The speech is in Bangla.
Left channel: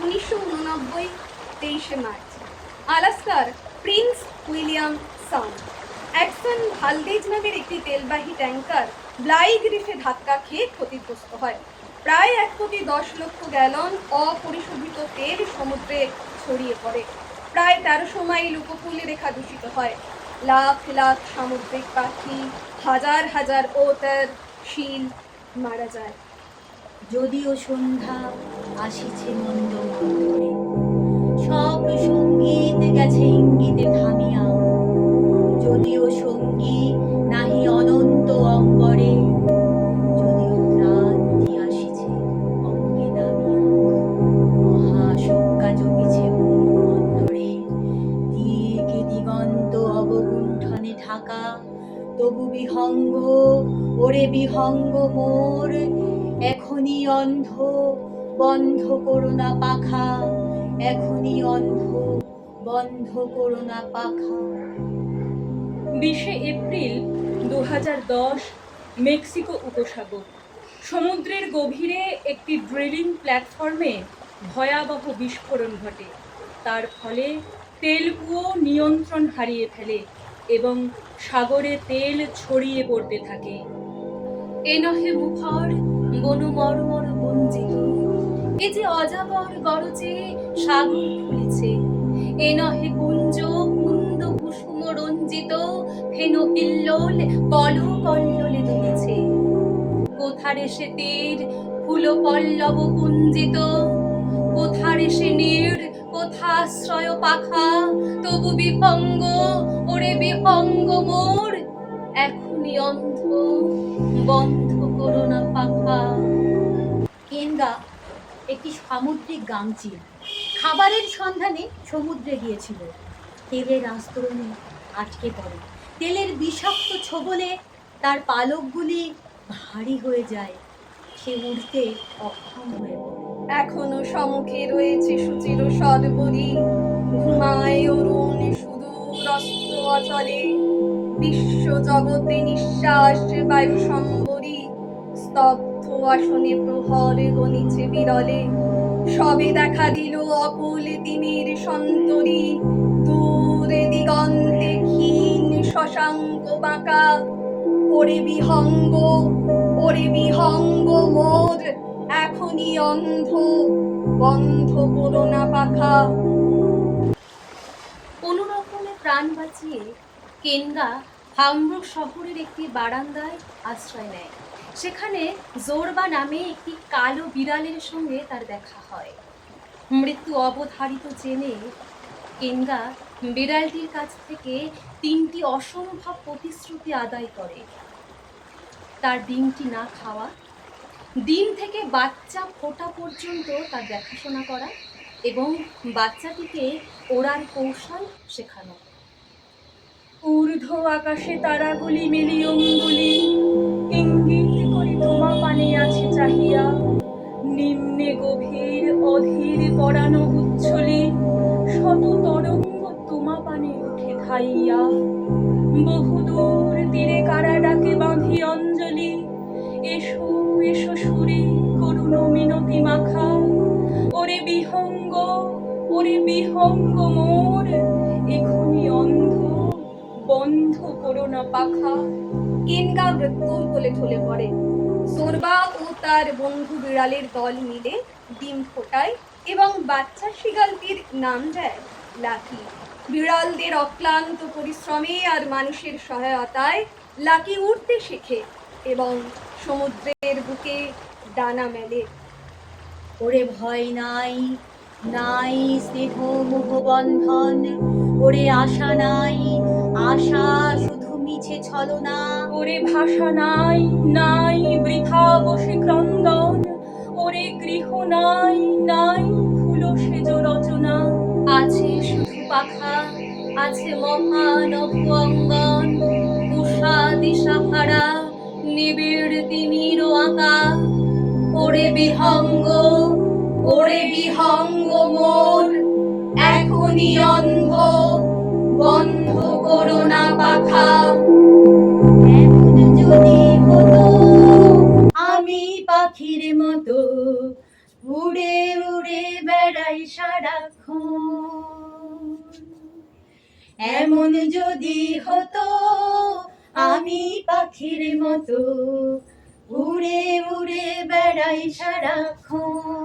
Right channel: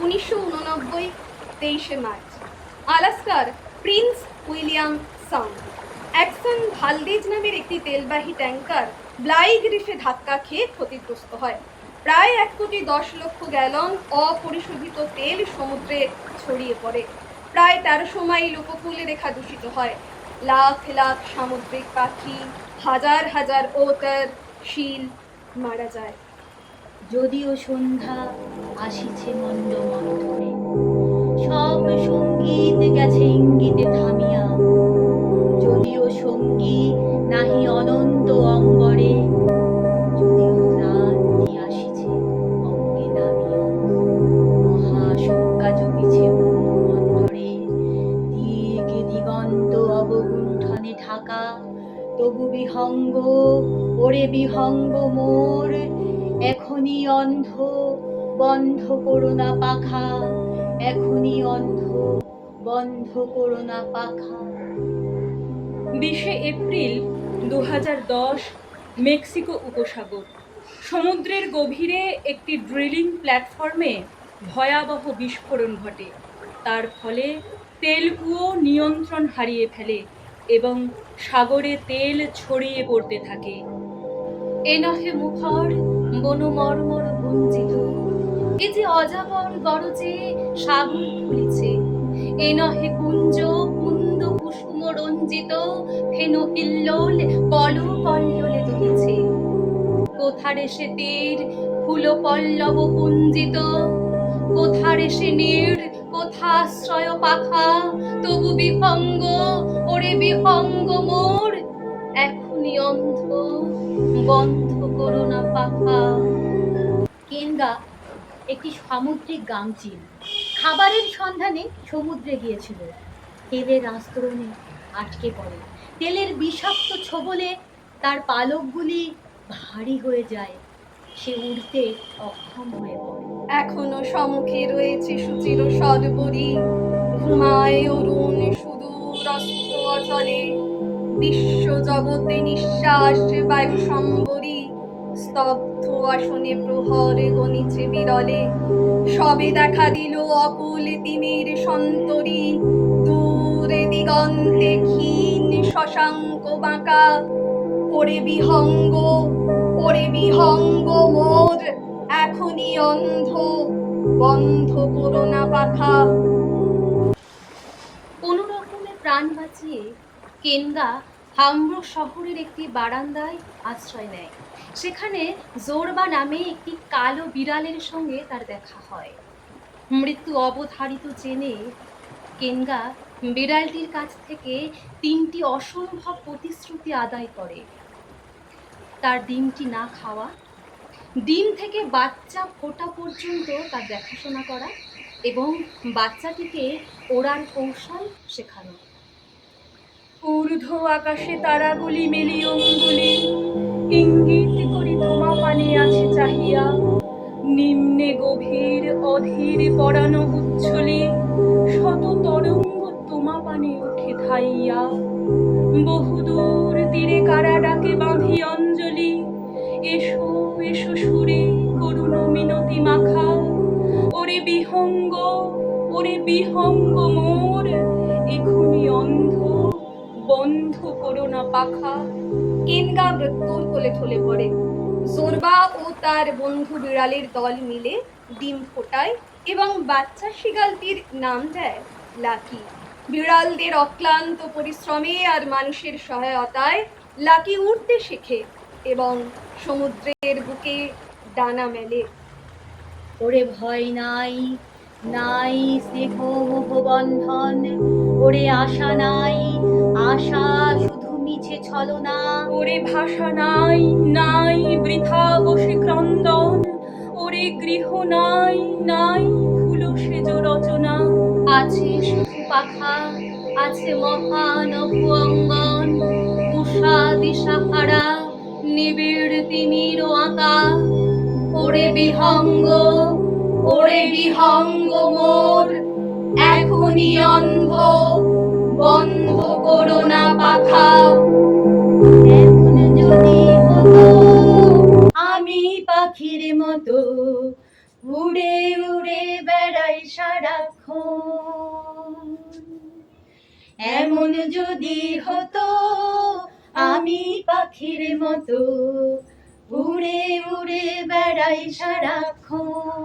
1989 23শে মার্চ। আলাস্কার প্রিন্স উইলিয়াম সাউন্ড। অ্যাডসন ভালদেজ নামের একটি তেলবাহী ট্যাঙ্কার ব্লাইগ রিফে ধাক্কা খেয়ে ক্ষতিগ্রস্ত হয়। প্রায় 1,10,00,000 গ্যালন অপরিশোধিত তেল সমুদ্রে ছড়িয়ে পড়ে। প্রায় 1300 মাইল উপকূল রেখা দূষিত হয়। লাখ লাখ সামুদ্রিক পাখি, হাজার হাজার ওটার, শিল মারা যায়। যদিও সন্ধ্যা আসিছে মন্দ মন্থরে, সব সঙ্গীত গেছে ইঙ্গিতে থামিয়া। যদিও সঙ্গী নাহি অনন্ত অম্বরে, যদিও ক্রান্তি আসিছে অঙ্গে নামিয়া। মহাশঙ্কা জপিছে মুখমন্ধরে, দিকে দিগন্ত অবগুণ্ঠনে ঢাকা। তবু বিহঙ্গ, ওরে বিহঙ্গ মোর, এখনই অন্ধ, বন্ধ করো না পাখা। এখনই অন্ধ, বন্ধ করো না পাখা। 20শে এপ্রিল 2010, মেক্সিকো উপসাগর। সমুদ্রের গভীরে একটি ড্রিলিং প্ল্যাটফর্মে ভয়াবহ বিস্ফোরণ ঘটে। তার ফলে তেলকুয়ো নিয়ন্ত্রণ হারিয়ে ফেলে এবং সাগরে তেল ছড়িয়ে পড়তে থাকে। এ নহে মুখর বন মর্মর গুঞ্জিত, এ যে অজাগর গরজে সাগর খুলিছে। এ নহে কুঞ্জ কুন্দ কুসুম রঞ্জিত, ফেন হিল্লোল পল কল্লোলে দুলিছে। কোথারে সে তীর ফুল পল্লব কুঞ্জিত, কোথারে সে নীড়, কোথাশ্রয় পাখা। তবু বিহঙ্গ, ওরে বিহঙ্গ মোর, এখনই অন্ধ, বন্ধ করো না পাখা। কেনগা একটি সামুদ্রিক গাংচিল খাবারের সন্ধানে সমুদ্রে গিয়েছিল। তেলের আস্তরণে আটকে পড়ে। তেলের বিষাক্ত ছোবলে তার পালকগুলি ভারী হয়ে যায়। সে উড়তে অক্ষম হয়ে পড়ে। এখনো সম্মুখে রয়েছে সুচির সর্বরী, ঘুমায় অরুণ সুদূর অস্ত অচলে। বিশ্ব জগতে নিঃশ্বাস বায়ু সম্বরী, স্তব্ধ আসনে প্রহর গণিছে বিরলে। সবে দেখা দিল অকুল তিমির সন্তরী, দূরে দিগন্তে ক্ষীণ শশাঙ্ক বাঁকা। ওরে বিহঙ্গ, ওরে বিহঙ্গ মোর, এখনই অন্ধ, বন্ধ করো না পাখা। কোনো রকমে প্রাণ বাঁচিয়ে কেনগা হামবুর্গ শহরের একটি বারান্দায় আশ্রয় নেয়। সেখানে জোরবা নামে একটি কালো বিড়ালের সঙ্গে তার দেখা হয়। মৃত্যু অবধারিত জেনে কেনগা বিড়ালটির কাছ থেকে 3টি অসম্ভব প্রতিশ্রুতি আদায় করে। তার ডিমটি না খাওয়া, ডিম থেকে বাচ্চা ফোটা পর্যন্ত তার দেখাশোনা করা এবং বাচ্চাটিকে ওড়ার কৌশল শেখানো। ঊর্ধ্ব আকাশে তারাগুলি মেলি অঙ্গুলি, ইঙ্গিত করি তোমা পানে আছে চাহিয়া। নিম্নে গভীর অধীর পরানো উচ্ছলি, শত তরঙ্গ তোমা পানে উঠে ধাইয়া। বহুদূর তীরে কারা ডাকে বাঁধি অঞ্জলি, এসো এসো সুরে করুণ মিনতি মাখা। ওরে বিহঙ্গ, ওরে বিহঙ্গ মোর, এখনই অন্ধ, বন্ধ করো না পাখা। কেনগা মৃত্যুর কোলে ঢলে পড়ে। জোরবা ও তার বন্ধু বিড়ালের দল মিলে ডিম ফোটায় এবং বাচ্চা শিগালটির নাম দেয় লাকি। বিড়ালদের অক্লান্ত পরিশ্রমে আর মানুষের সহায়তায় লাকি উড়তে শেখে এবং সমুদ্রের বুকে ডানা মেলে। ওরে ভয় নাই, নাই স্নেহ মোহ বন্ধন। ওরে আশা নাই, আশা শুধু মিছে ছলনা। ওরে ভাষা নাই, নাই বৃথা বসে ক্রন্দন। ওরে গৃহ নাই, নাই ফুল সেজ রচনা। আছে শুধু পাখা, আছে মহানভ অঙ্গন। উষা দিশাহারা, নিবিড় তিমির আঁকা। ওরে বিহঙ্গ, ওরে বিহঙ্গ মোর, এখনই অন্ধ, বন্ধ করো না পাখা। এমন যদি হতো আমি পাখির মতো, উড়ে উড়ে বেড়াই সারাক্ষণ। এমন যদি হতো আমি পাখির মতো উড়ে উড়ে বেড়াই সারাক্ষণ।